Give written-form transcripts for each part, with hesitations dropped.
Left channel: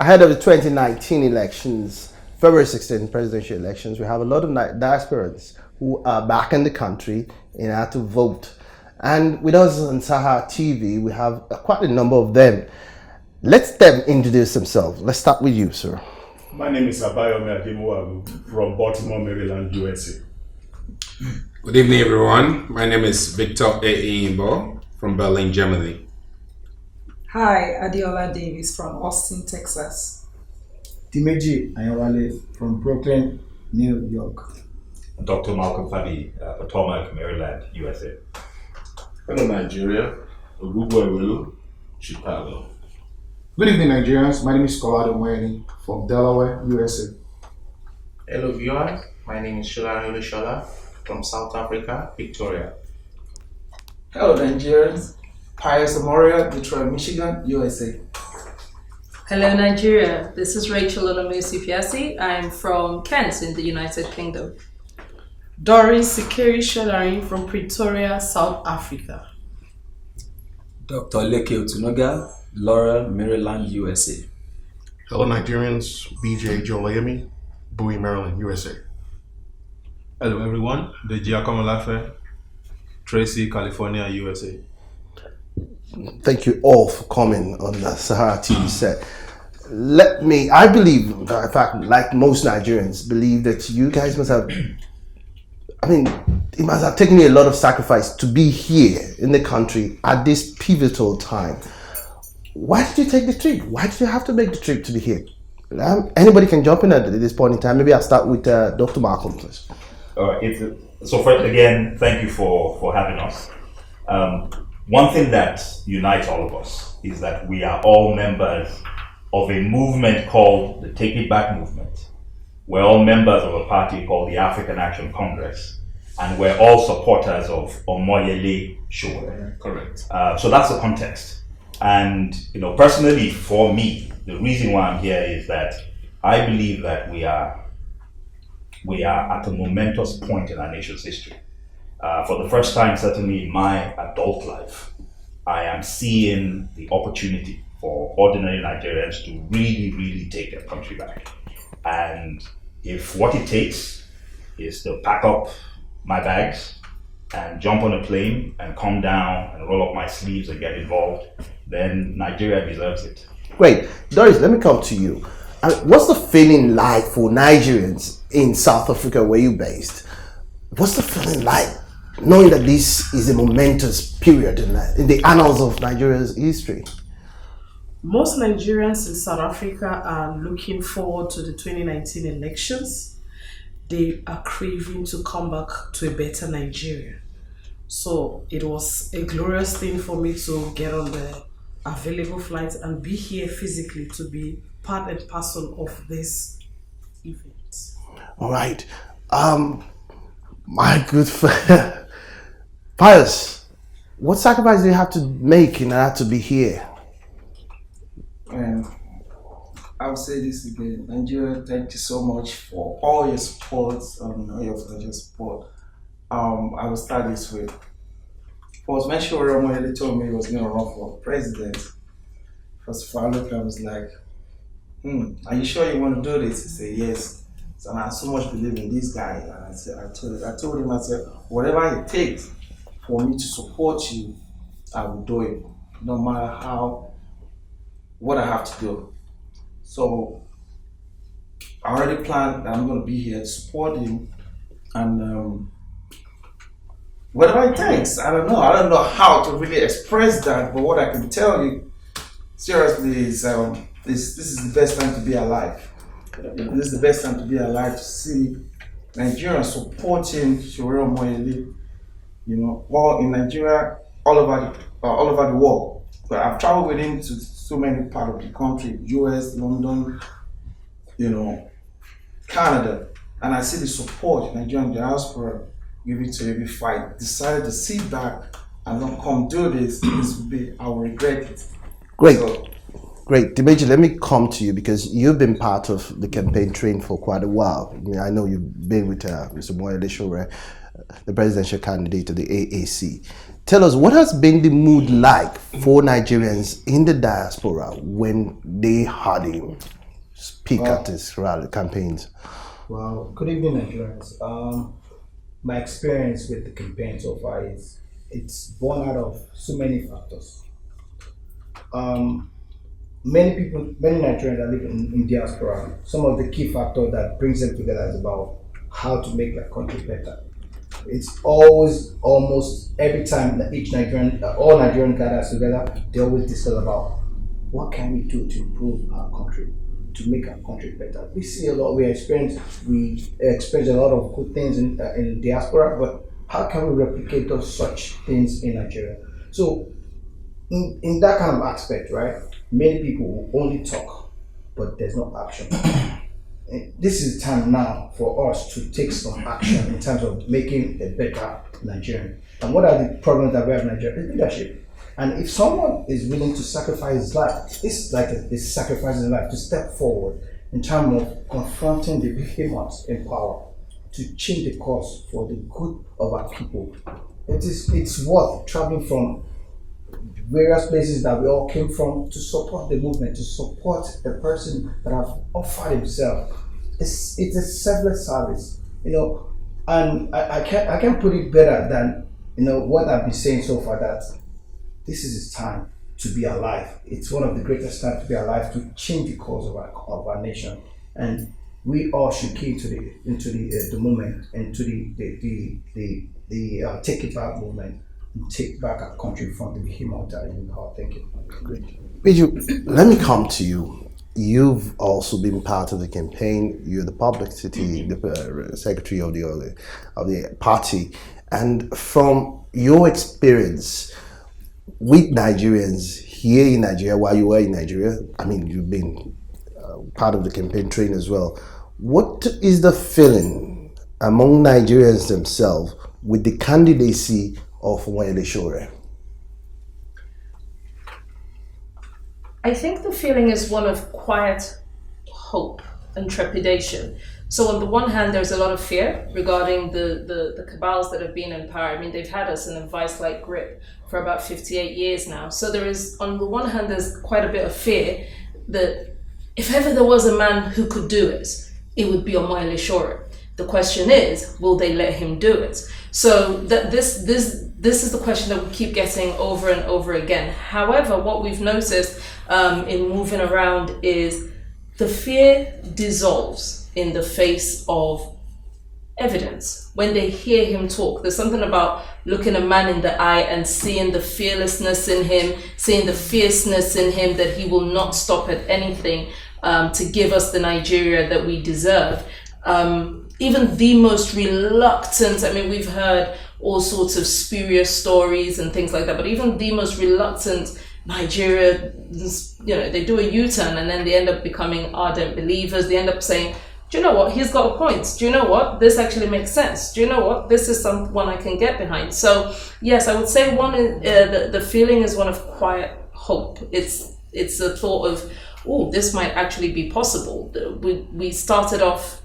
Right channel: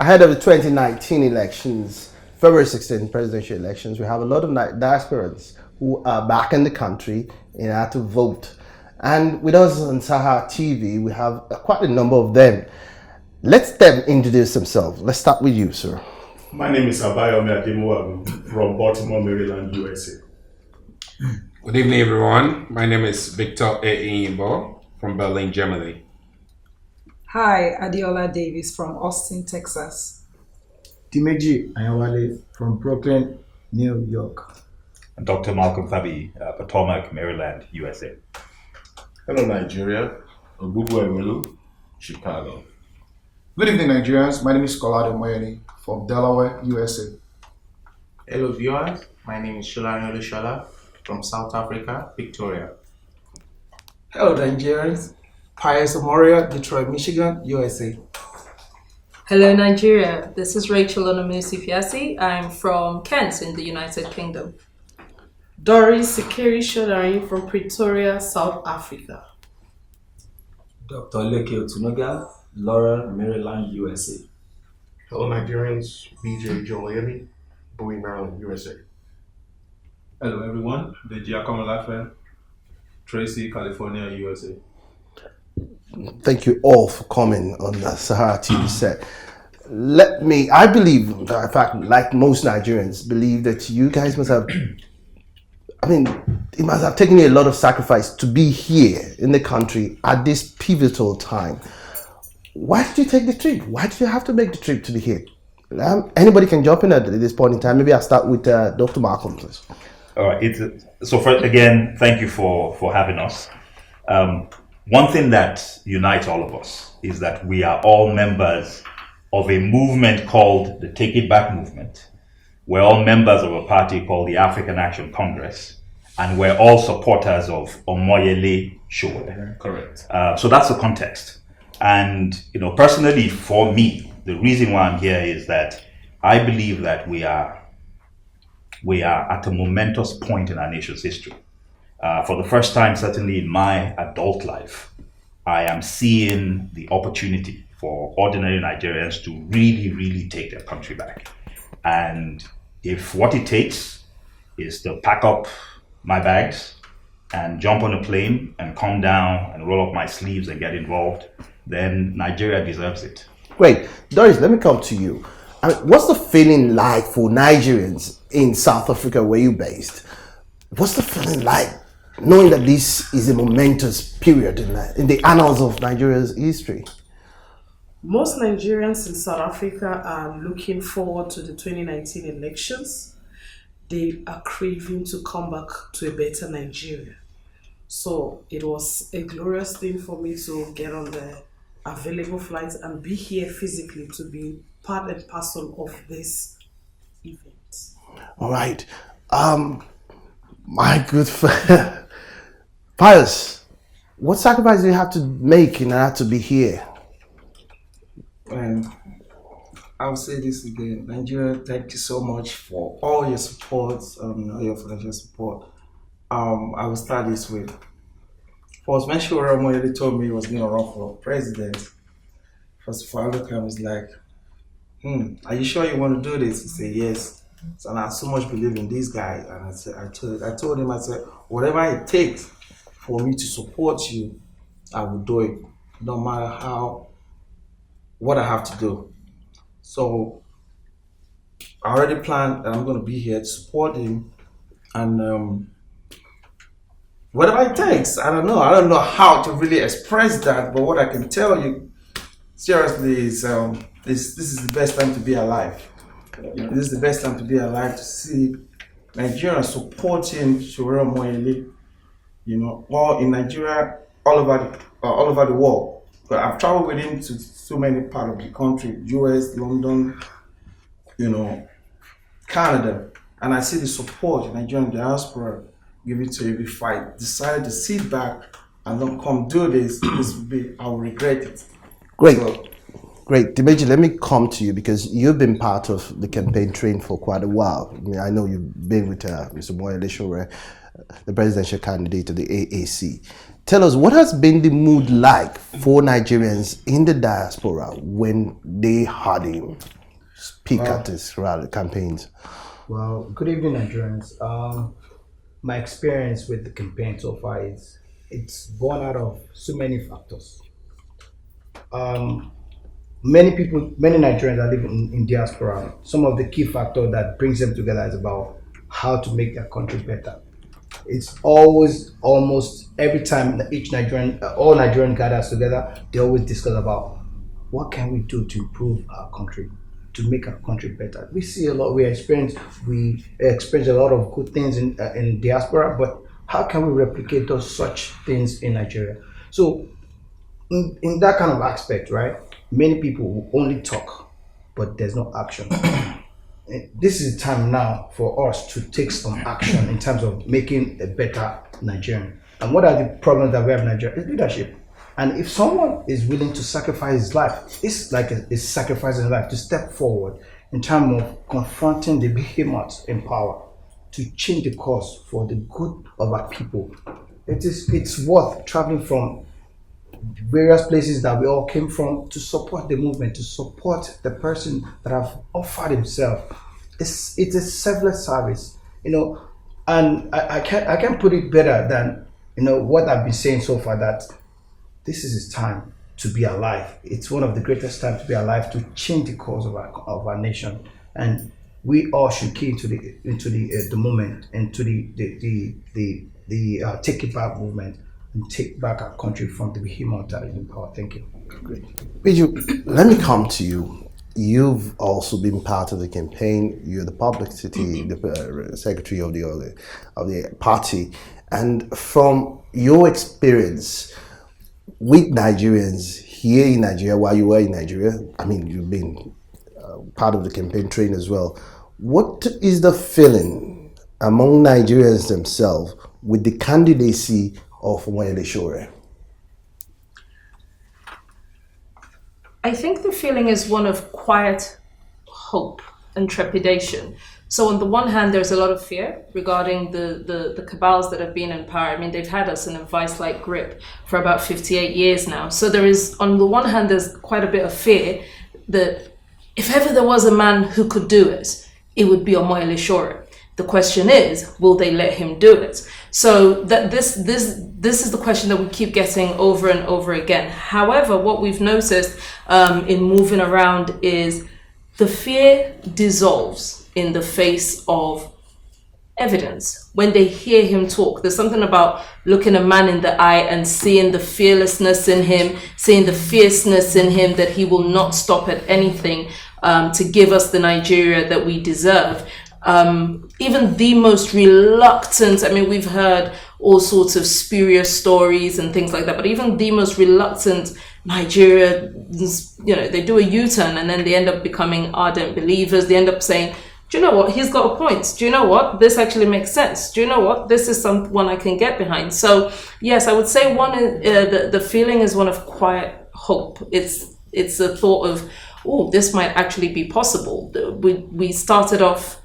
Ahead of the 2019 elections, February 16 presidential elections, we have a lot of diasporans who are back in the country in order to vote. And with us on SaharaTV, we have quite a number of them. Let them introduce themselves. Let's start with you, sir. My name is Abayomi Ademowabu from Baltimore, Maryland, USA. Good evening, everyone. My name is Victor Eimbo from Berlin, Germany. Hi, Adiola Davis from Austin, Texas. Dimeji Ayawale from Brooklyn, New York. Dr. Malcolm Fabi, Potomac, Maryland, USA. Hello, Nigeria. Ogubu Ewelu, Chicago. Good evening, Nigerians. My name is Candidate Omoyele from Delaware, USA. Hello, viewers. My name is Omoyele Sowore from South Africa, Victoria. Hello, Nigerians. Pius Amoria, Detroit, Michigan, USA. Hello, Nigeria. This is Rachel Olomusi. I'm from Kent in the United Kingdom. Doris Sikeri Shadarin from Pretoria, South Africa. Dr. Leke Otunoga, Laurel, Maryland, USA. Hello, Nigerians. BJ Jolayemi, Bowie, Maryland, USA. Hello, everyone. Deji Akomolafe, Tracy, California, USA. Thank you all for coming on the SaharaTV set. I believe, in fact, like most Nigerians, believe that you guys must have, it must have taken you a lot of sacrifice to be here in the country at this pivotal time. Why did you take the trip? Why did you have to make the trip to be here? Anybody can jump in at this point in time. Maybe I'll start with Dr. Malcolm, please. All right. So first, again, thank you for having us. One thing that unites all of us is that we are all members of a movement called the Take It Back movement. We're all members of a party called the African Action Congress, and we're all supporters of Omoyele Sowore. Correct. So that's the context. And personally, for me, the reason why I'm here is that I believe that we are at a momentous point in our nation's history. For the first time, certainly in my adult life, I am seeing the opportunity for ordinary Nigerians to really, really take their country back. And if what it takes is to pack up my bags and jump on a plane and come down and roll up my sleeves and get involved, then Nigeria deserves it. Great. Doris, let me come to you. What's the feeling like for Nigerians in South Africa where you're based? What's the feeling like knowing that this is a momentous period in the annals of Nigeria's history? Most Nigerians in South Africa are looking forward to the 2019 elections. They are craving to come back to a better Nigeria. So it was a glorious thing for me to get on the available flights and be here physically to be part and parcel of this event. All right. My good friend, Pius, what sacrifice do you have to make in order to be here? I'll say this again. Nigeria, thank you so much for all your support, all your financial support. I will start this way. First, when Sowore Omoyele told me he was going to run for president, first of all, I looked at him, I was like, are you sure you want to do this? He said, yes. So, and I so much believe in this guy. And I told him, whatever it takes for me to support you, I will do it. No matter what I have to do. So I already planned that I'm going to be here to support him, and whatever it takes. I don't know how to really express that, but what I can tell you seriously is this is the best time to be alive. This is the best time to be alive, to see Nigerians supporting Sowore Omoyele, all in Nigeria, all over the world. But I've traveled with him to so many parts of the country, US, London, Canada, and I see the support Nigerian diaspora giving to every fight. Decided to sit back and not come do this. I will regret it. Great. Great. Dimeji, let me come to you because you've been part of the campaign train for quite a while. I know you've been with Mr. Omoyele Sowore, the presidential candidate of the AAC. tell us, what has been the mood like for Nigerians in the diaspora when they heard him speak at his rally campaigns? Well, good evening, Nigerians. My experience with the campaign so far is it's born out of so many factors. Many Nigerians are living in diaspora. Some of the key factors that brings them together is about how to make their country better. It's always, almost every time all Nigerian gathers together, they always discuss about what can we do to improve our country, to make our country better. We see a lot. We experience a lot of good things in diaspora, but how can we replicate such things in Nigeria? So, in that kind of aspect, right? Many people will only talk, but there's no action. This is the time now for us to take some action in terms of making a better Nigerian. And what are the problems that we have in Nigeria? It's leadership. And if someone is willing to sacrifice his life, it's like it's sacrificing his life to step forward in terms of confronting the behemoths in power to change the course for the good of our people. It's worth traveling from various places that we all came from to support the movement, to support the person that have offered himself. It's a selfless service, and I can't put it better than what I've been saying so far, that this is his time to be alive. It's one of the greatest times to be alive, to change the course of our nation, and we all should key into the moment, into the take it back movement, and take back our country from the behemoth that is in power. Thank you. Great. Biju, let me come to you. You've also been part of the campaign. You're the publicity, the secretary of the party, and from your experience with Nigerians here in Nigeria, while you were in Nigeria, I mean, you've been part of the campaign train as well. What is the feeling among Nigerians themselves with the candidacy of Omoyele Sowore? I think the feeling is one of quiet hope and trepidation. So on the one hand, there's a lot of fear regarding the cabals that have been in power. I mean, they've had us in a vice-like grip for about 58 years now. So there is, on the one hand, there's quite a bit of fear that if ever there was a man who could do it, it would be Omoyele Sowore. The question is, will they let him do it? So that this is the question that we keep getting over and over again. However, what we've noticed in moving around is the fear dissolves in the face of evidence. When they hear him talk, there's something about looking a man in the eye and seeing the fearlessness in him, seeing the fierceness in him, that he will not stop at anything to give us the Nigeria that we deserve. Even the most reluctant, I mean, we've heard all sorts of spurious stories and things like that, but even the most reluctant Nigeria, they do a U-turn and then they end up becoming ardent believers. They end up saying, do you know what, he's got a point. Do you know what, this actually makes sense. Do you know what, this is someone I can get behind. So yes, I would say the feeling is one of quiet hope. It's a thought of, oh, this might actually be possible. We started off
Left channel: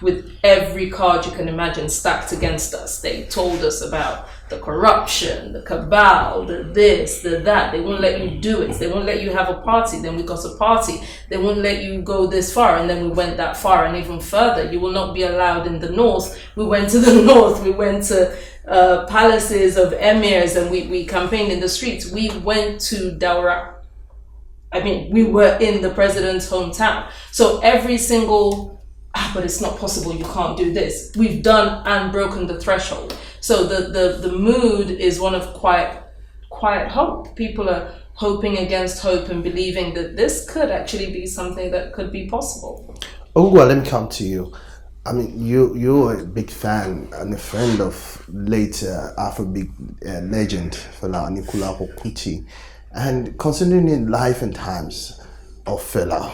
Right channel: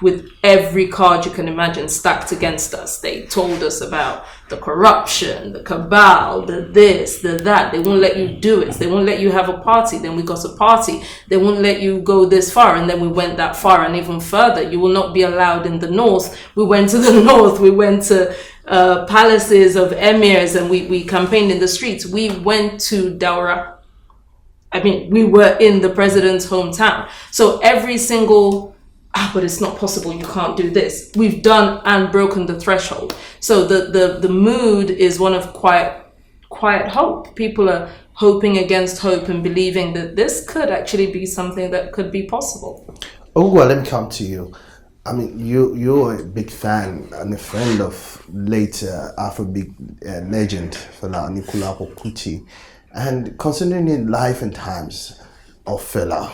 with every card you can imagine stacked against us. They told us about the corruption, the cabal, the this, the that. They won't let you do it. They won't let you have a party. Then we got a party. They won't let you go this far. And then we went that far and even further. You will not be allowed in the north. We went to the north. We went to palaces of emirs and we campaigned in the streets. We went to Daura. I mean, we were in the president's hometown. So every single but it's not possible, you can't do this. We've done and broken the threshold. So the mood is one of quiet hope. People are hoping against hope and believing that this could actually be something that could be possible. Ogwa, let me come to you. I mean, you're a big fan and a friend of late Afrobeat legend Fela Anikulapo Kuti. And considering life and times of Fela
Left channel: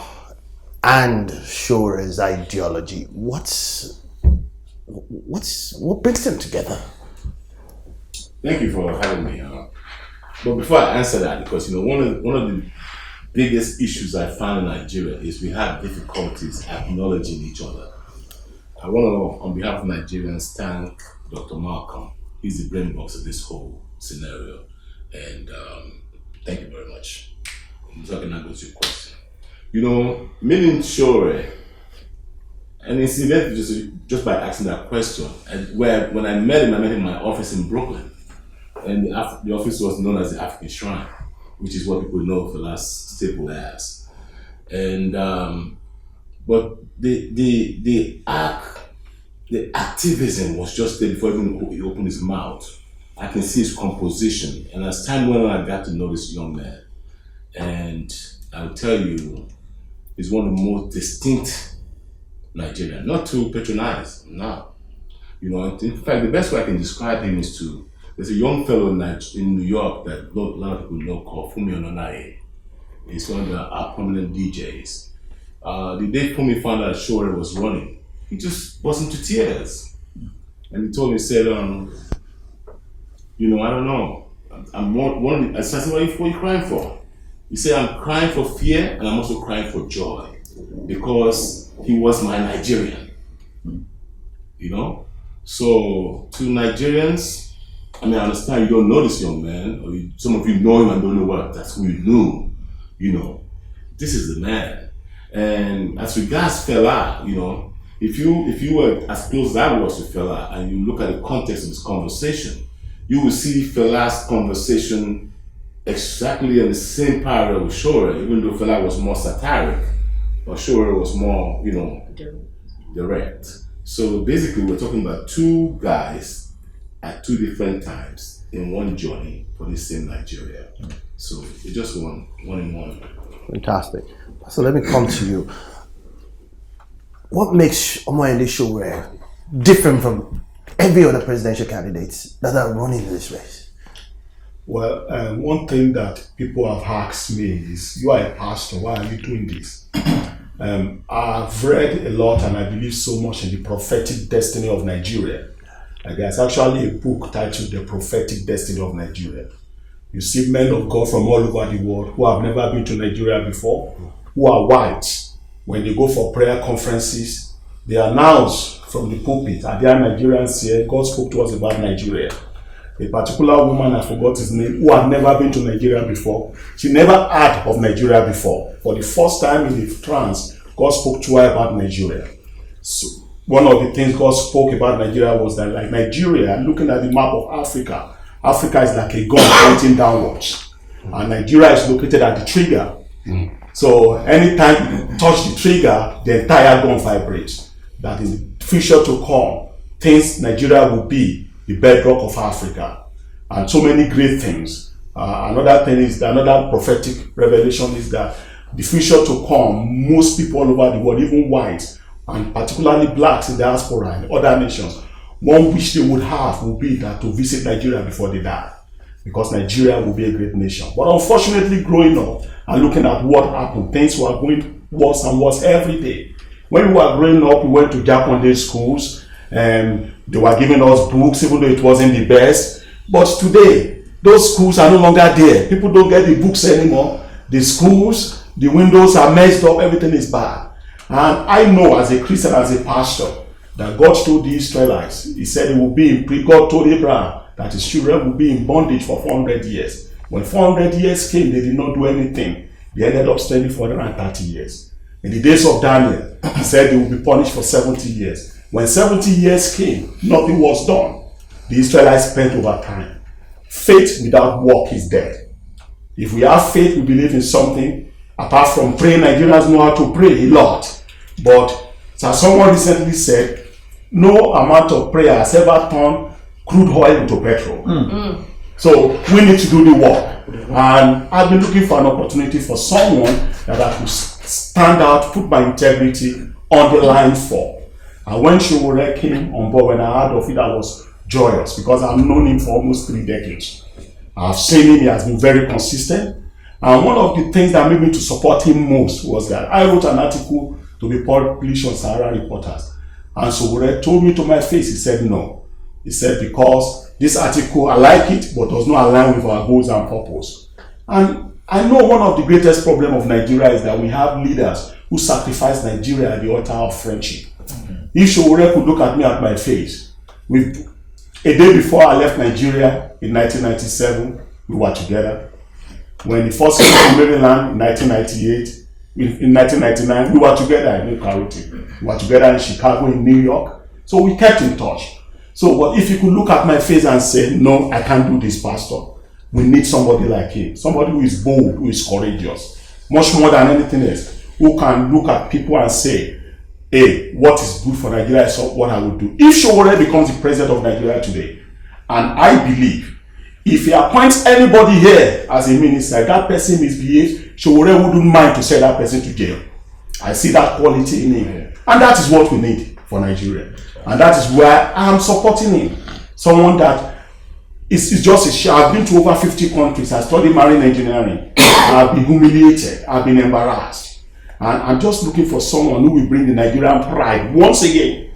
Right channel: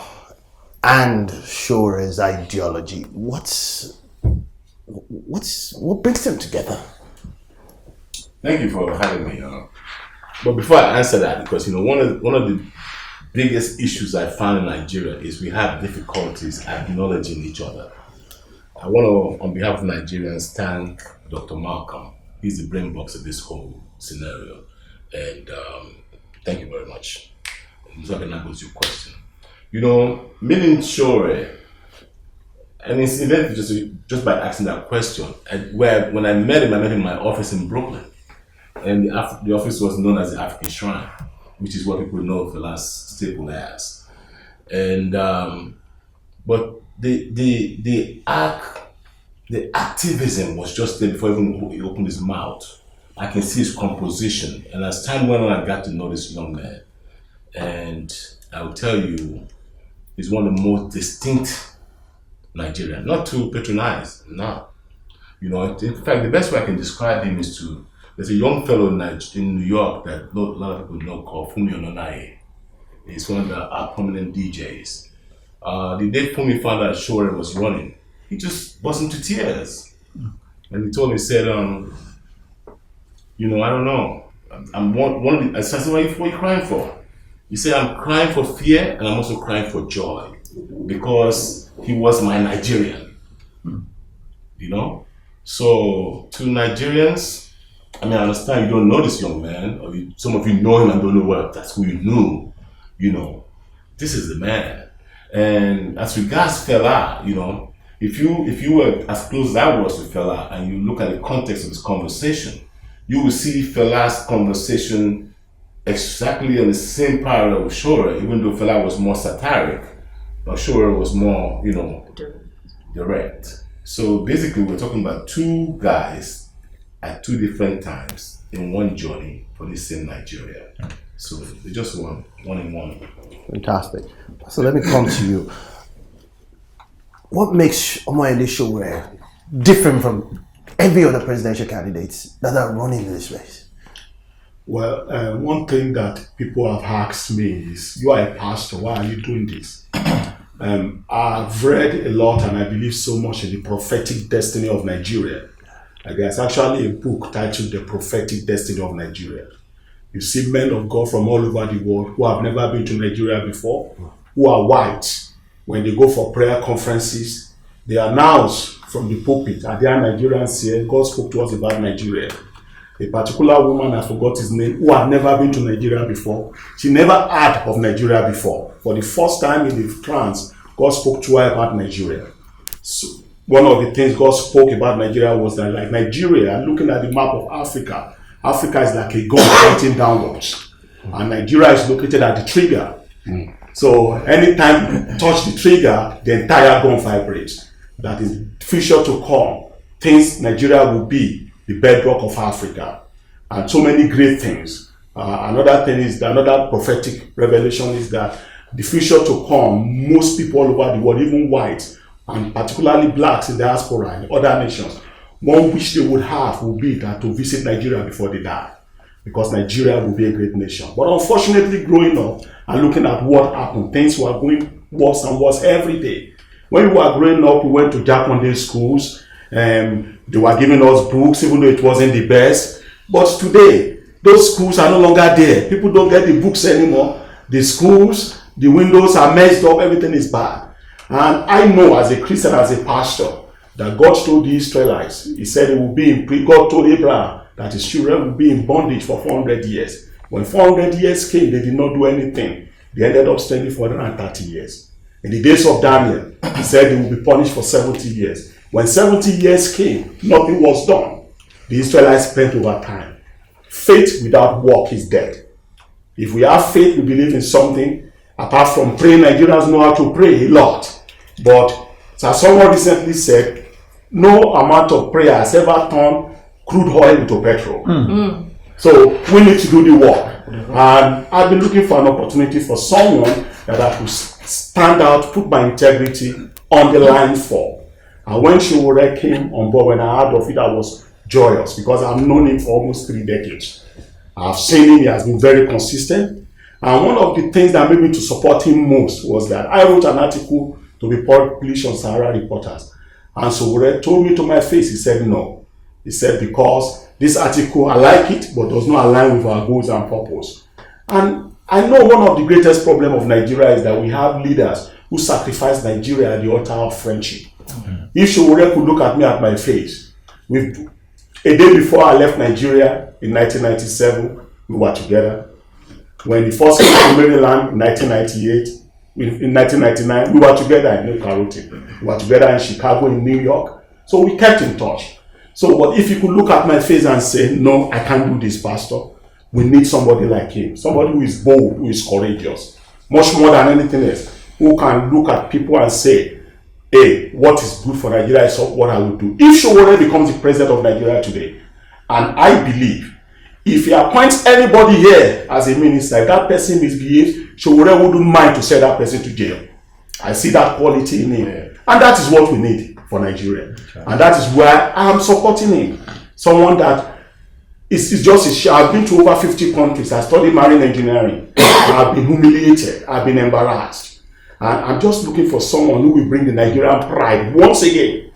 and Sowore's ideology, what brings them together? Thank you for having me. But before I answer that, because one of the biggest issues I find in Nigeria is we have difficulties acknowledging each other. I want to, on behalf of Nigerians, thank Dr. Malcolm He's the brain box of this whole scenario. And thank you very much. So I can now go to your question. You know, meaning Sowore, and incidentally, just by asking that question, when I met him in my office in Brooklyn, and the office was known as the African Shrine, which is what people know Fela's stable as. And but the activism was just there before even he opened his mouth. I can see his composition, and as time went on, I got to know this young man. And I will tell you, he's one of the most distinct Nigerians. Not to patronize, no. You know, in fact, the best way I can describe him is there's a young fellow in New York that a lot of people know called Fumi Ononaye. He's one of the prominent DJs. The day Fumi found out Sowore was running, he just burst into tears. And he told me, he said, you know, I don't know. I'm one of the, I said, what are you crying for? He said, I'm crying for fear and I'm also crying for joy because he was my Nigerian. You know? So, to Nigerians, I mean, I understand you don't know this young man, or some of you know him and don't know what that's who you knew. You know, this is the man. And as regards Fela, you know, if you were as close as I was to Fela and you look at the context of his conversation, you will see Fela's conversation exactly in the same parallel with Sowore, even though Fela was more satiric, but Sowore was more, you know, direct. So basically, we're talking about two guys at two different times in one journey for the same Nigeria. So it's just one in one. Fantastic. So let me come to you. What makes Omoyele Sowore different from every other presidential candidates that are running in this race? Well, one thing that people have asked me is, you are a pastor, why are you doing this? I've read a lot and I believe so much in the prophetic destiny of Nigeria. There's actually a book titled The Prophetic Destiny of Nigeria. You see men of God from all over the world who have never been to Nigeria before, who are white. When they go for prayer conferences, they announce from the pulpit, are there Nigerians here? God spoke to us about Nigeria. A particular woman, I forgot his name, who had never been to Nigeria before. She never heard of Nigeria before. For the first time in the trance, God spoke to her about Nigeria. So one of the things God spoke about Nigeria was that, like Nigeria, looking at the map of Africa, Africa is like a gun pointing downwards. And Nigeria is located at the trigger. So anytime you touch the trigger, the entire gun vibrates. That in the future to come, Nigeria will be the bedrock of Africa. And so many great things. Another thing is, another prophetic revelation is that the future to come, most people all over the world, even whites, and particularly blacks in diaspora and other nations, one wish they would have would be that to visit Nigeria before they die. Because Nigeria will be a great nation. But unfortunately, growing up and looking at what happened, things were going worse and worse every day. When we were growing up, we went to Japanese schools, and they were giving us books, even though it wasn't the best. But today, those schools are no longer there. People don't get the books anymore. The schools, the windows are messed up, everything is bad. And I know as a Christian, as a pastor, that God told the Israelites, he said it will be God told Abraham that his children will be in bondage for 400 years. When 400 years came, they did not do anything. They ended up spending 430 years. In the days of Daniel, he said they will be punished for 70 years. When 70 years came, nothing was done. The Israelites spent over time. Faith without work is dead. If we have faith, we believe in something. Apart from praying, Nigerians know how to pray a lot. But as someone recently said, no amount of prayer has ever turned crude oil into petrol. So we need to do the work. And I've been looking for an opportunity for someone that I could stand out, put my integrity on the line for. And when Sowore came on board, when I heard of it, I was joyous because I've known him for almost 3 decades. I've seen him, he has been very consistent. And one of the things that made me to support him most was that I wrote an article to be published on Sahara Reporters. And Sowore told me to my face, he said no. He said, because this article, I like it, but does not align with our goals and purpose. And I know one of the greatest problems of Nigeria is that we have leaders who sacrifice Nigeria at the altar of friendship. If Sowore could look at me at my face, A day before I left Nigeria in 1997, we were together. When he first came to Maryland in 1998, in 1999, we were together in New Carrollton. We were together in Chicago, in New York. So we kept in touch. So, but if you could look at my face and say, no, I can't do this, Pastor. We need somebody like him. Somebody who is bold, who is courageous. Much more than anything else. Who can look at people and say, hey, what is good for Nigeria is what I would do. If Sowore becomes the president of Nigeria today, and I believe, if he appoints anybody here as a minister, that person misbehaves, Sowore wouldn't mind to send that person to jail. I see that quality in him. And that is what we need for Nigeria. And that is where I am supporting him. Someone that is just a share. I've been to over 50 countries. I studied marine engineering. I've been humiliated. I've been embarrassed. And I'm just looking for someone who will bring the Nigerian pride once again.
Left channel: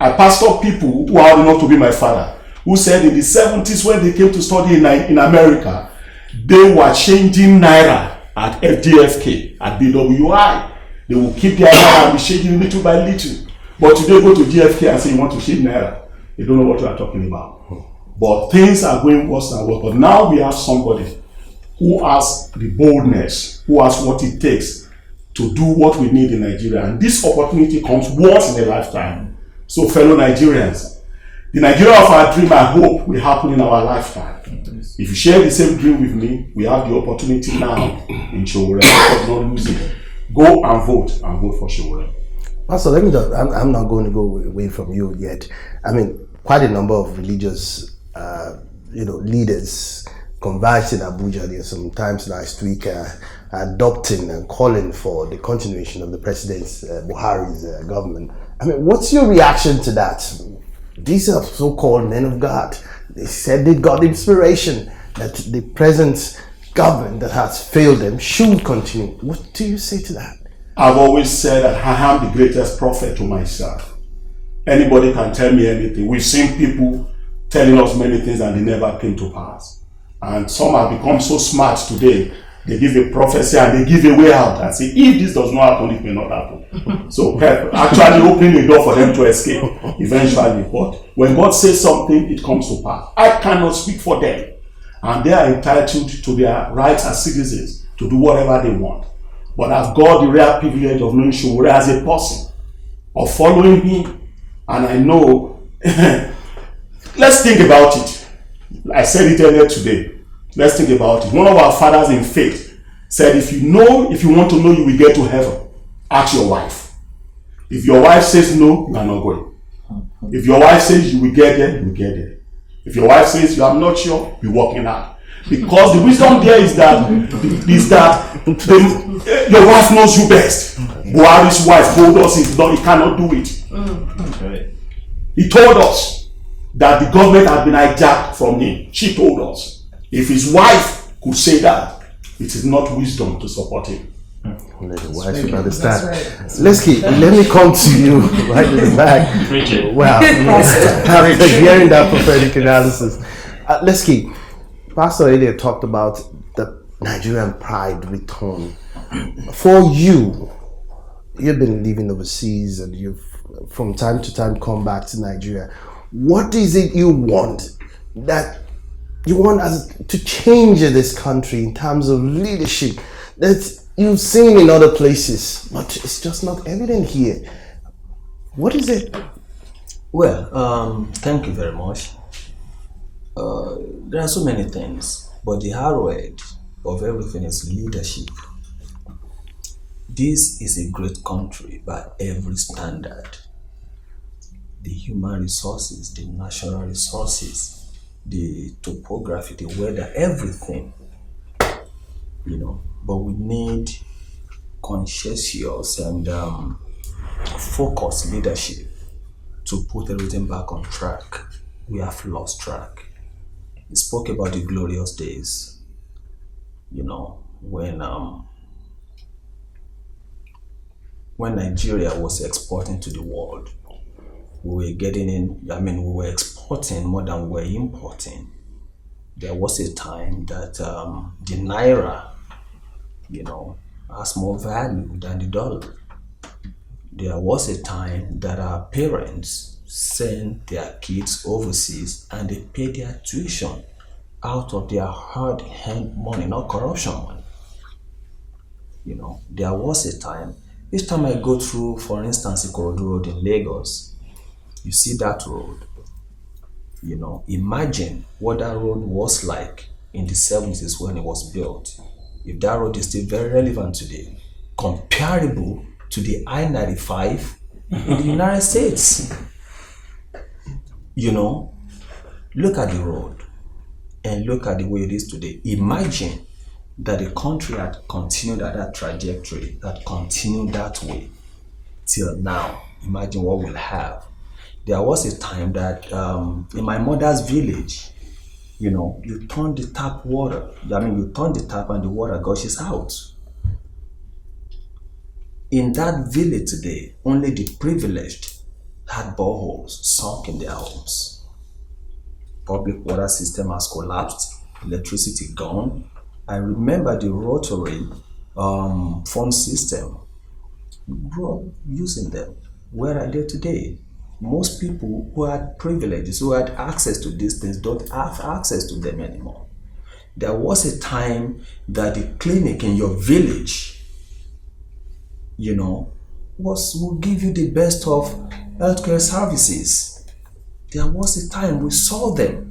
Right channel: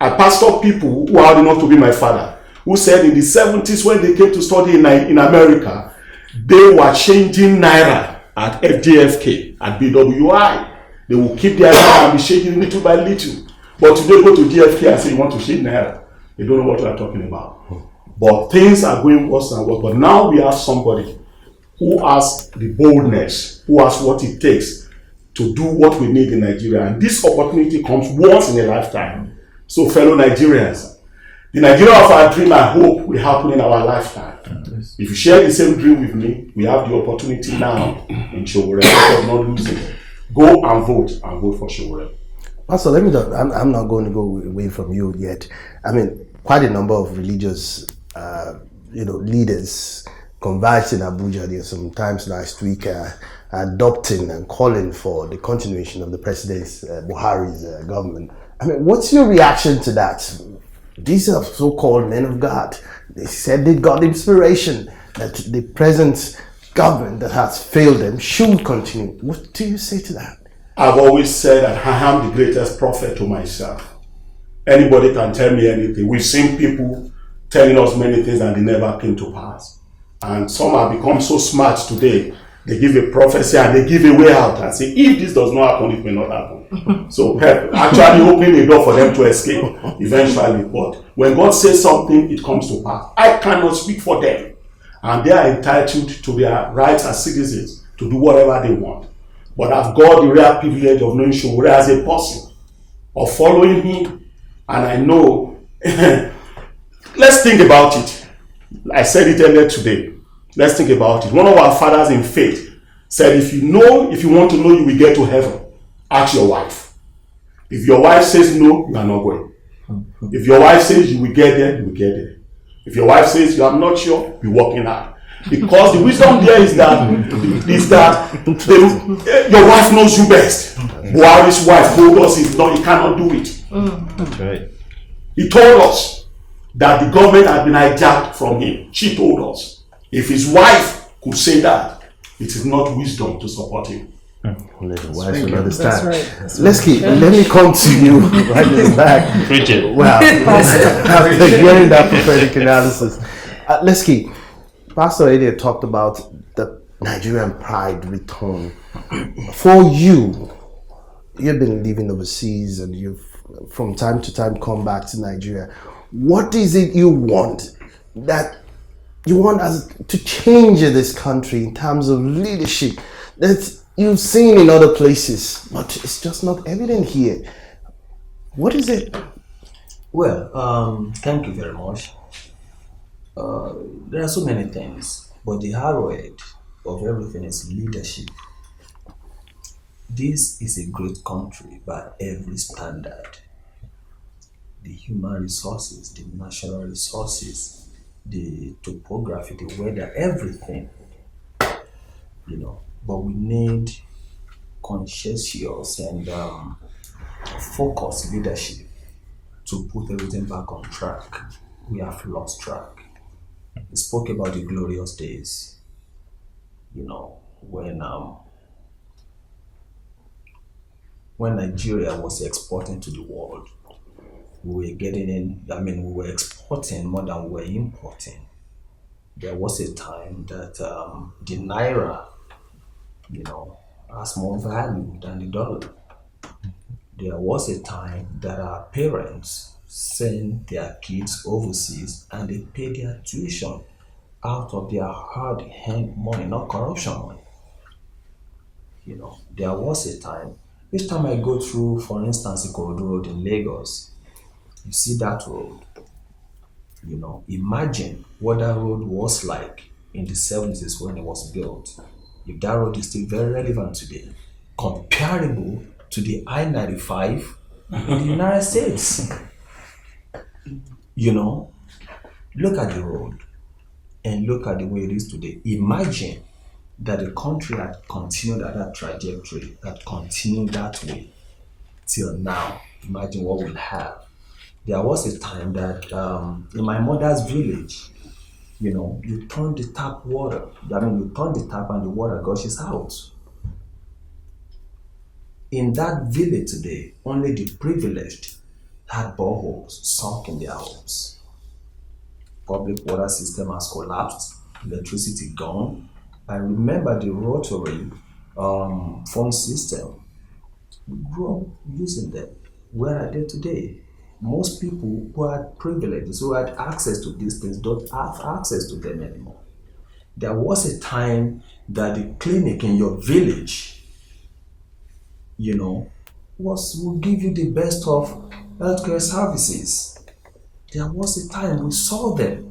I pastor people who are old enough to be my father, who said in the 70s when they came to study in America, they were changing Naira at FDFK, at BWI. They will keep their Naira and be changing little by little. But today go to GFK and say you want to change Naira. You don't know what you are talking about. But things are going worse and worse. But now we have somebody who has the boldness, who has what it takes to do what we need in Nigeria. And this opportunity comes once in a lifetime. So fellow Nigerians, the Nigeria of our dream, I hope, will happen in our lifetime. If you share the same dream with me, we have the opportunity now in Sowore. Go and vote for Sowore. Pastor, let me just, I'm not going to go away from you yet. I mean, quite a number of religious leaders converged in Abuja there sometimes last week, adopting and calling for the continuation of the President's Buhari's government. I mean, what's your reaction to that? These are so-called men of God. They said they got inspiration that the present government that has failed them should continue. What do you say to that? I've always said that I am the greatest prophet to myself. Anybody can tell me anything. We've seen people telling us many things and they never came to pass. And some have become so smart today, they give a prophecy and they give a way out and say, if this does not happen, it may not happen. So actually opening the door for them to escape eventually. But when God says something, it comes to pass. I cannot speak for them. And they are entitled to their rights as citizens to do whatever they want. But I've got the rare privilege of knowing Sowore as a person, of following him. And I know, let's think about it. I said it earlier today. Let's think about it. One of our fathers in faith said, if you want to know you will get to heaven, ask your wife. If your wife says no, you are not going. If your wife says you will get there, you will get there. If your wife says you are not sure, be walking out. Because the wisdom there is that your wife knows you best. Buhari's wife told us he cannot do it. That's right. He told us that the government had been hijacked from him. She told us. If his wife could say that, it is not wisdom to support him. Only the wife should understand. Right. Let me come to you right in the back. Wow. After hearing that prophetic analysis, Leski, Pastor earlier talked about the Nigerian pride return. For you, you've been living overseas and you've from time to time come back to Nigeria. What is it you want that you want us to change this country in terms of leadership that you've seen in other places, but it's just not evident here? What is it? Well, thank you very much. There are so many things, but the hard word of everything is leadership. This is a great country by every standard. The human resources, the natural resources, the topography, the weather, everything, but we need conscientious and focused leadership to put everything back on track. We have lost track. We spoke about the glorious days, when Nigeria was exporting to the world. We were exporting more than we were importing. There was a time that the Naira, has more value than the dollar. There was a time that our parents send their kids overseas and they pay their tuition out of their hard-earned money, not corruption money. There was a time, each time I go through, for instance, Ikorodu Road in Lagos, you see that road. Imagine what that road was like in the 70s when it was built. If that road is still very relevant today, comparable to the I-95 in the United States. Look at the road and look at the way it is today. Imagine that the country had continued at that trajectory, that continued that way till now. Imagine what we'll have. There was a time that in my mother's village, you turn the tap water. You turn the tap and the water gushes out. In that village today, only the privileged had boreholes sunk in their homes. Public water system has collapsed, electricity gone. I remember the rotary phone system. We grew up using them. Where are they today? Most people who had privileges, who had access to these things, don't have access to them anymore. There was a time that the clinic in your village, will give you the best of healthcare services. There was a time we saw them.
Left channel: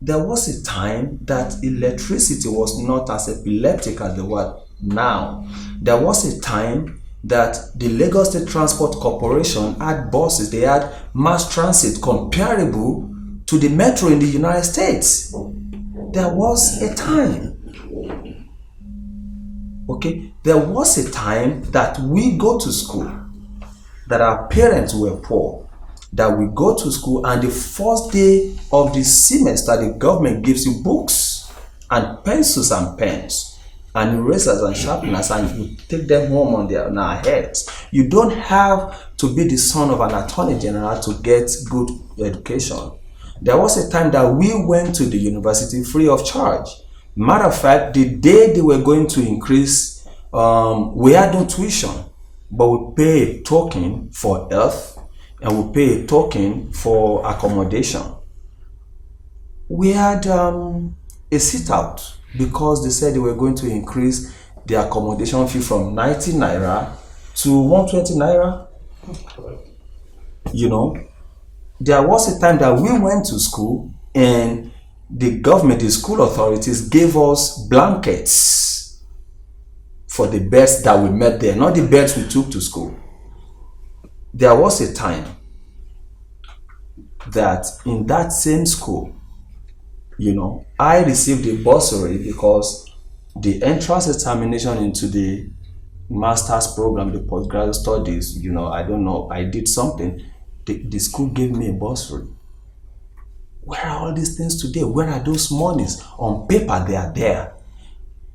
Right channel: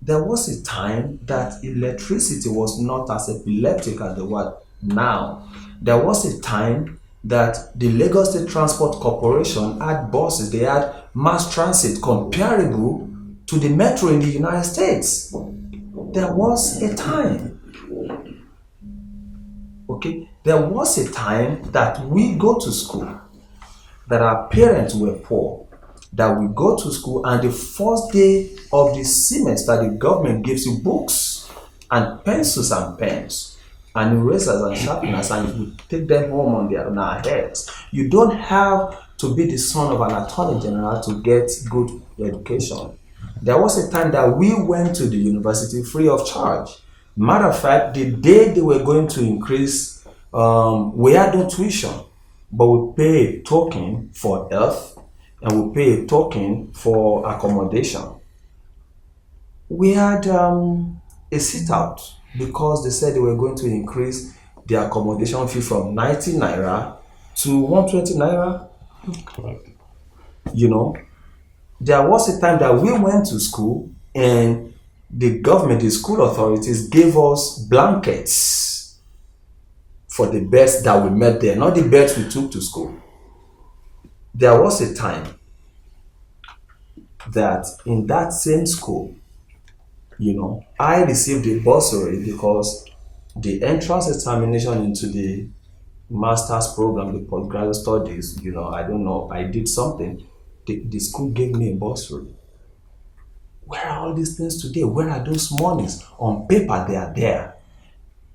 There was a time that electricity was not as epileptic as the word now. There was a time that the Lagos State Transport Corporation had buses, they had mass transit comparable to the metro in the United States. There was a time. Okay, there was a time that we go to school, that our parents were poor, that we go to school and the first day of the semester, the government gives you books and pencils and pens and erasers and sharpeners, and you take them home on our heads. You don't have to be the son of an attorney general to get good education. There was a time that we went to the university free of charge. Matter of fact, the day they were going to increase, we had no tuition, but we pay a token for health and we pay a token for accommodation. We had a sit-out because they said they were going to increase the accommodation fee from 90 naira to 120 naira. Correct. There was a time that we went to school and the government, the school authorities gave us blankets for the beds that we met there, not the beds we took to school. There was a time that in that same school, I received a bursary because the entrance examination into the master's program, the postgraduate studies, I don't know, I did something. The school gave me a bursary. Where are all these things today? Where are those monies? On paper, they are there.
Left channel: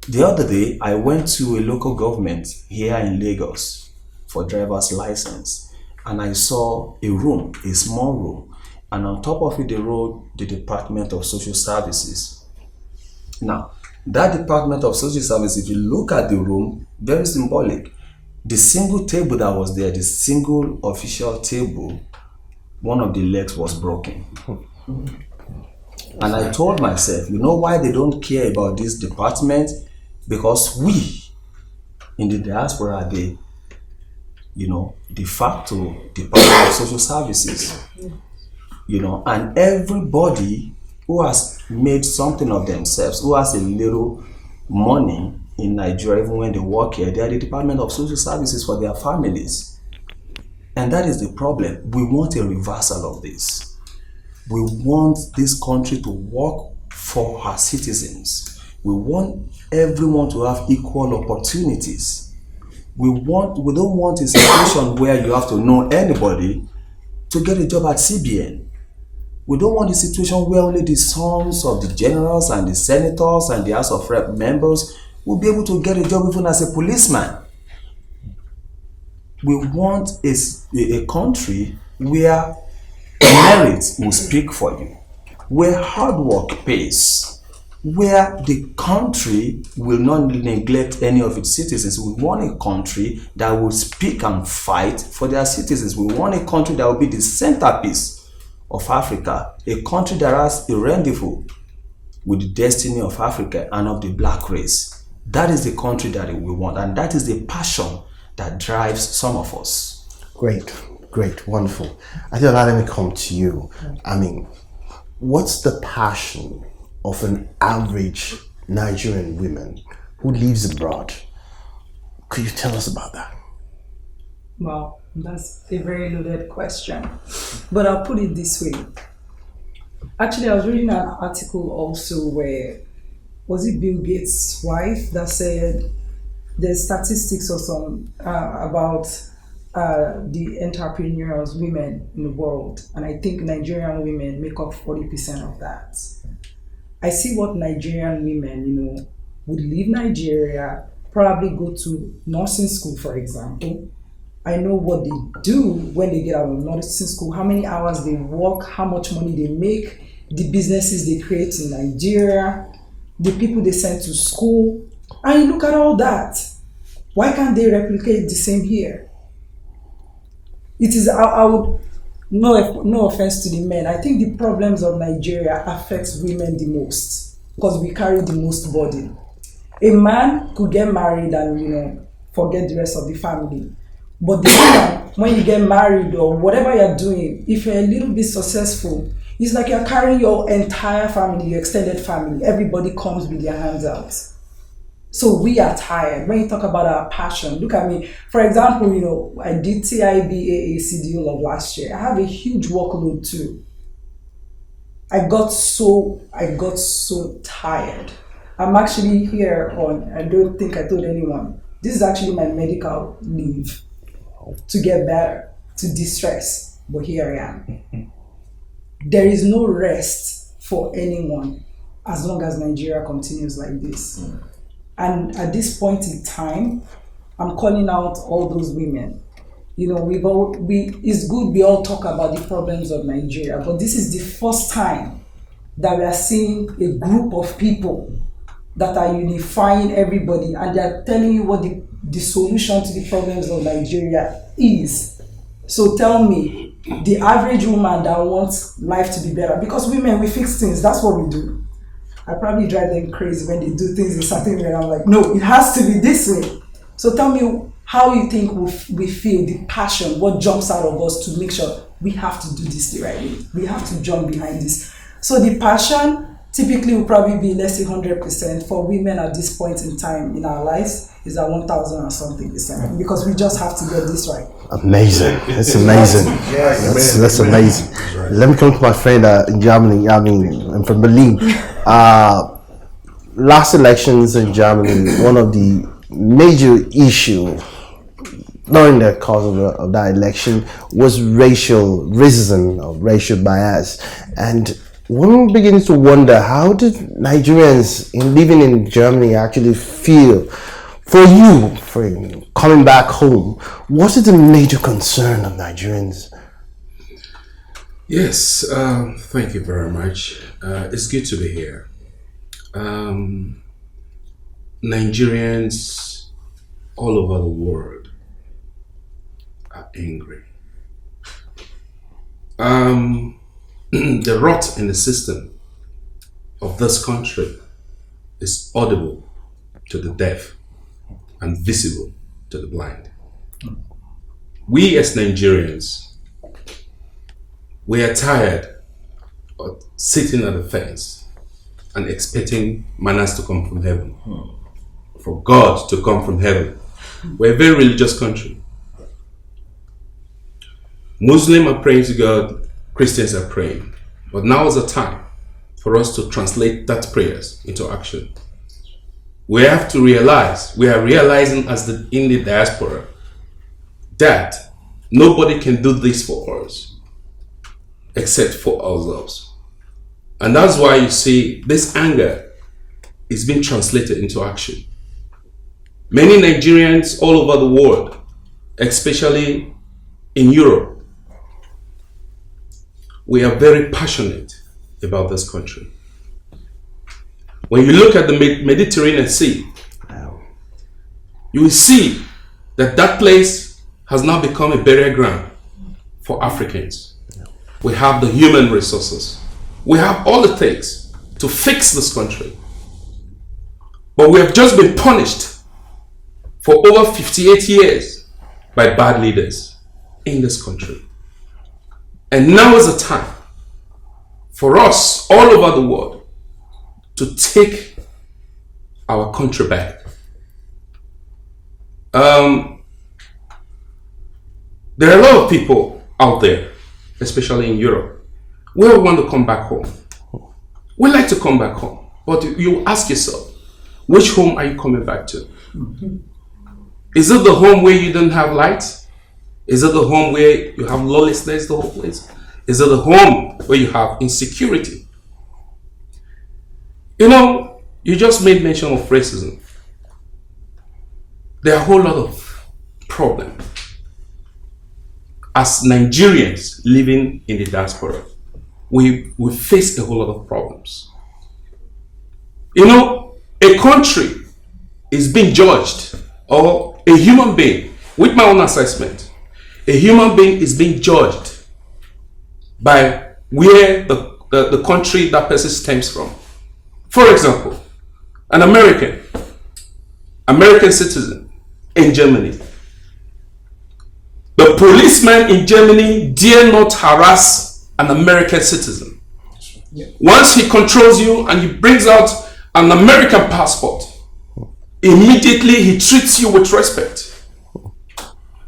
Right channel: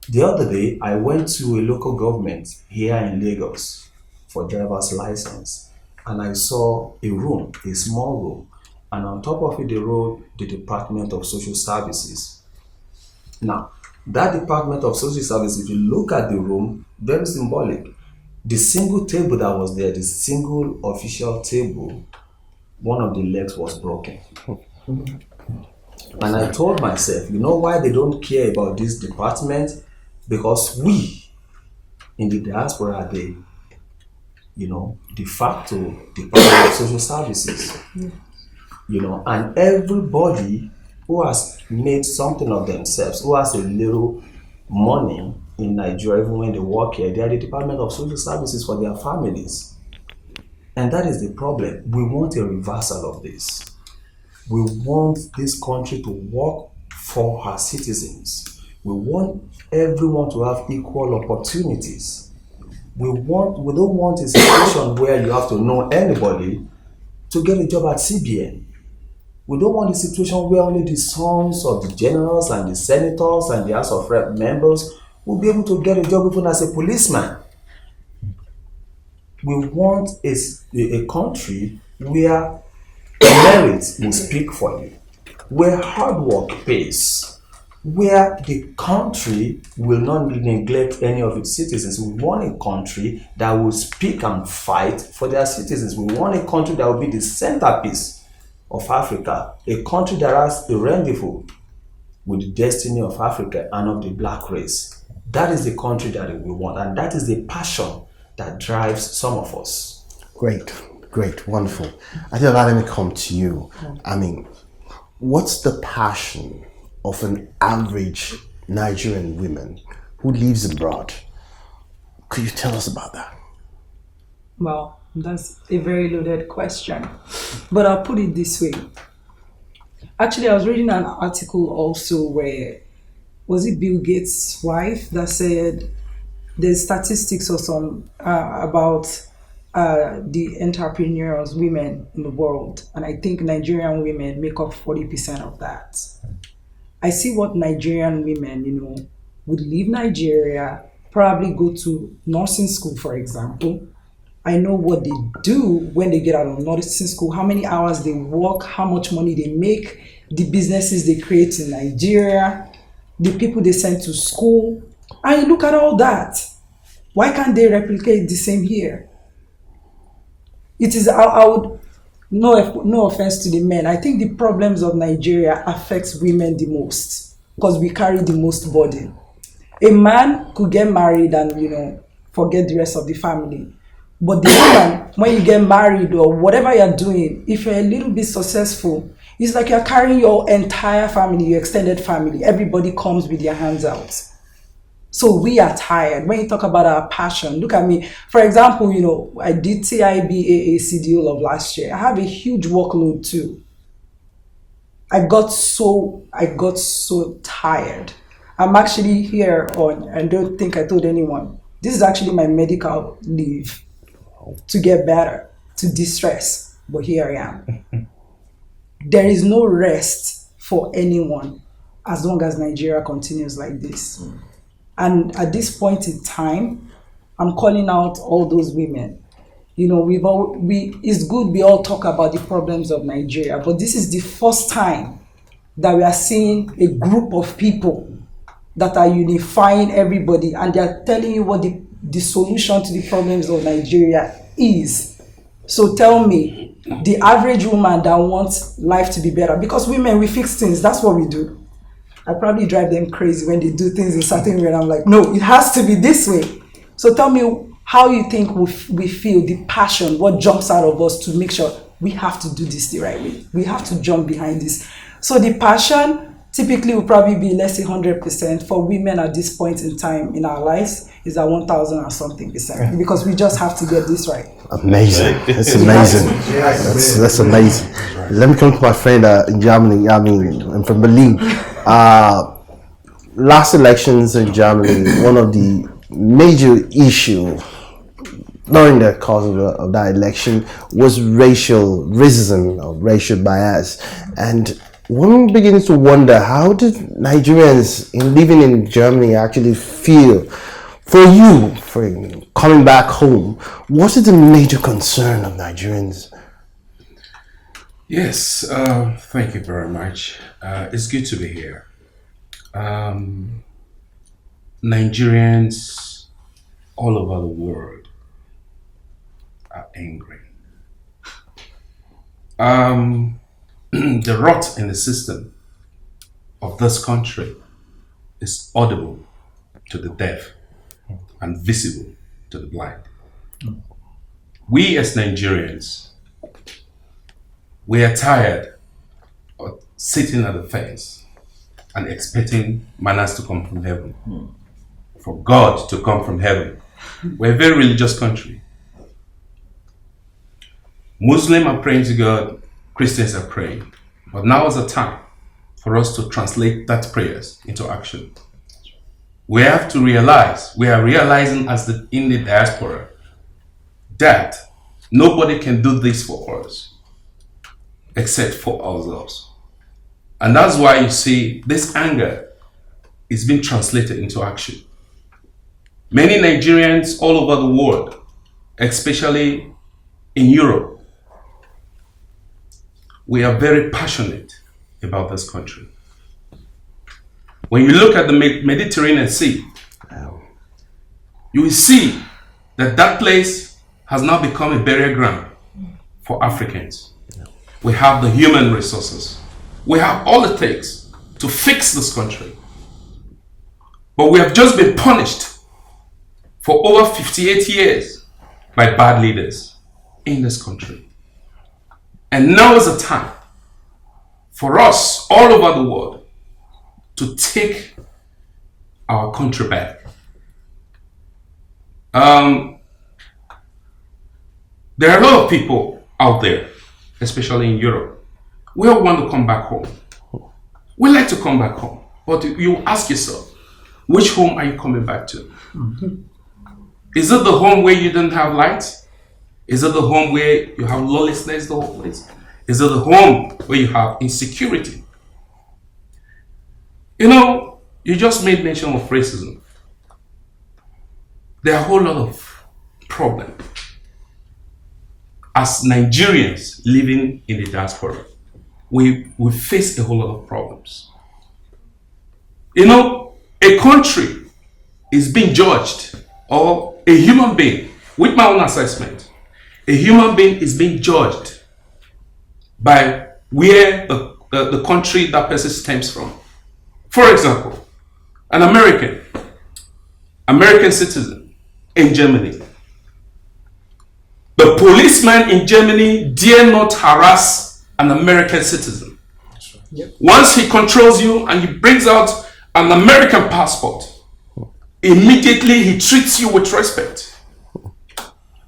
The other day, I went to a local government here in Lagos for driver's license, and I saw a room, a small room, and on top of it, they wrote the Department of Social Services. Now, that Department of Social Services, if you look at the room, very symbolic. The single table that was there, the single official table, one of the legs was broken. And I told myself, you know why they don't care about this department? Because we in the diaspora are the, de facto Department of Social Services. And everybody who has made something of themselves, who has a little money in Nigeria, even when they work here, they are the Department of Social Services for their families. And that is the problem. We want a reversal of this. We want this country to work for our citizens. We want everyone to have equal opportunities. We don't want a situation where you have to know anybody to get a job at CBN. We don't want a situation where only the sons of the generals and the senators and the House of Rep members will be able to get a job even as a policeman. We want a country where merit will speak for you, where hard work pays, where the country will not neglect any of its citizens. We want a country that will speak and fight for their citizens. We want a country that will be the centerpiece of Africa, a country that has a rendezvous with the destiny of Africa and of the black race. That is the country that we want, and that is the passion that drives some of us. Great, wonderful. Adiola, let me come to you. I mean, what's the passion of an average Nigerian woman who lives abroad? Could you tell us about that? Well, that's a very loaded question, but I'll put it this way. Actually, I was reading an article also where, was it Bill Gates' wife that said there's statistics or some about the entrepreneurs, women in the world, and I think Nigerian women make up 40% of that. I see what Nigerian women, would leave Nigeria, probably go to nursing school, for example. I know what they do when they get out of nursing school, how many hours they work, how much money they make, the businesses they create in Nigeria, the people they send to school. And look at all that. Why can't they replicate the same here? It is, I would, no offense to the men, I think the problems of Nigeria affects women the most because we carry the most burden. A man could get married and, forget the rest of the family. But the woman, when you get married or whatever you're doing, if you're a little bit successful, it's like you're carrying your entire family, your extended family. Everybody comes with their hands out. So we are tired. When you talk about our passion, look at me. For example, I did TIBAAC deal of last year. I have a huge workload too. I got so tired. I'm actually here on, I don't think I told anyone, this is actually my medical leave to get better, to distress. But here I am. There is no rest for anyone as long as Nigeria continues like this. And at this point in time, I'm calling out all those women. It's good we all talk about the problems of Nigeria, but this is the first time that we are seeing a group of people that are unifying everybody and they are telling you what the solution to the problems of Nigeria is. So tell me, the average woman that wants life to be better, because women, we fix things, that's what we do. I probably drive them crazy when they do things a certain way and I'm like, no, it has to be this way. So tell me how you think we feel, the passion, what jumps out of us to make sure we have to do this the right way. We have to jump behind this. So the passion typically will probably be, let's say 100%. For women at this point in time in our lives is at 1,000 or something percent, because we just have to get this right. Amazing. It's amazing. That's amazing. Let me come to my friend in Germany. I'm from Berlin. Last elections in Germany, one of the major issues during the course of that election was racism or racial bias. And one begins to wonder, how did Nigerians living in Germany actually feel? For you, for coming back home, what is the major concern of Nigerians? Yes, thank you very much. It's good to be here. Nigerians all over the world are angry. The rot in the system of this country is audible to the deaf and visible to the blind. We as Nigerians, we are tired of sitting at the fence and expecting manners to come from heaven, for God to come from heaven. We're a very religious country. Muslims are praying to God, Christians are praying. But now is the time for us to translate that prayers into action. We have to realize, we are realizing in the diaspora that nobody can do this for us except for ourselves. And that's why you see this anger is being translated into action. Many Nigerians all over the world, especially in Europe, we are very passionate about this country. When you look at the Mediterranean Sea, you will see that that place has now become a burial ground for Africans. We have the human resources. We have all it takes to fix this country. But we have just been punished for over 58 years by bad leaders in this country. And now is the time for us all over the world to take our country back. There are a lot of people out there, especially in Europe, we all want to come back home. We like to come back home, but you ask yourself, which home are you coming back to? Mm-hmm. Is it the home where you don't have lights? Is it the home where you have lawlessness the whole place? Is it the home where you have insecurity? You know, you just made mention of racism. There are a whole lot of problems. As Nigerians living in the diaspora, we face a whole lot of problems. You know, a country is being judged, or a human being, with my own assessment, a human being is being judged by where the country that person stems from. For example, an American citizen in Germany. The policeman in Germany dare not harass an American citizen. Yep. Once he controls you and he brings out an American passport, immediately he treats you with respect.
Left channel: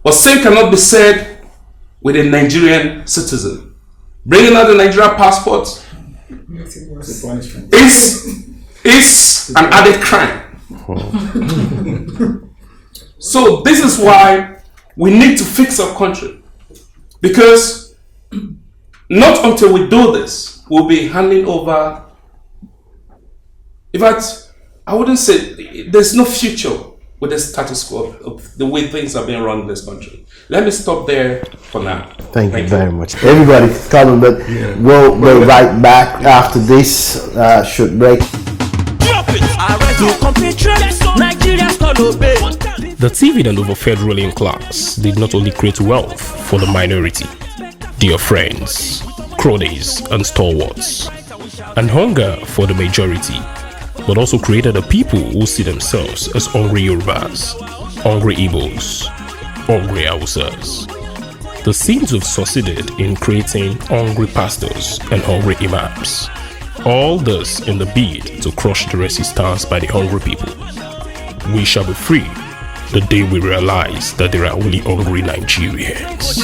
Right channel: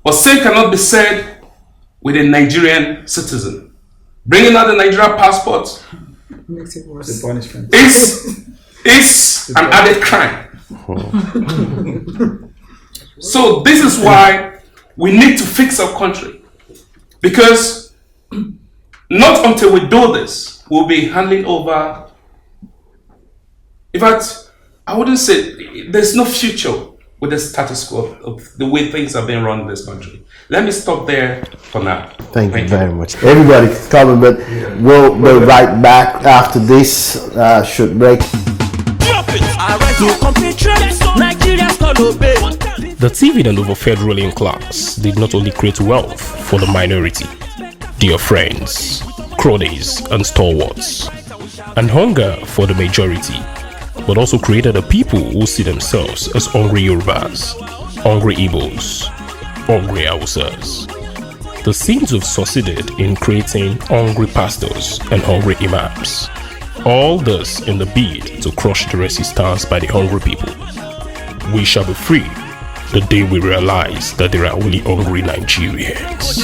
But same cannot be said with a Nigerian citizen. Bringing out a Nigerian passport is an added crime. So this is why we need to fix our country, because not until we do this, we'll be handing over. In fact, I wouldn't say there's no future with the status quo of the way things are being run in this country. Let me stop there for now. Thank you very much. Everybody coming, but we'll be right back after this short break. The TV and over-fed ruling class did not only create wealth for the minority, dear friends, cronies and stalwarts, and hunger for the majority, but also created a people who see themselves as hungry Yorubas, hungry Igbos, hungry Hausas. The Saints have succeeded in creating hungry pastors and hungry imams. All this in the bid to crush the resistance by the hungry people. We shall be free the day we realize that there are only hungry Nigerians.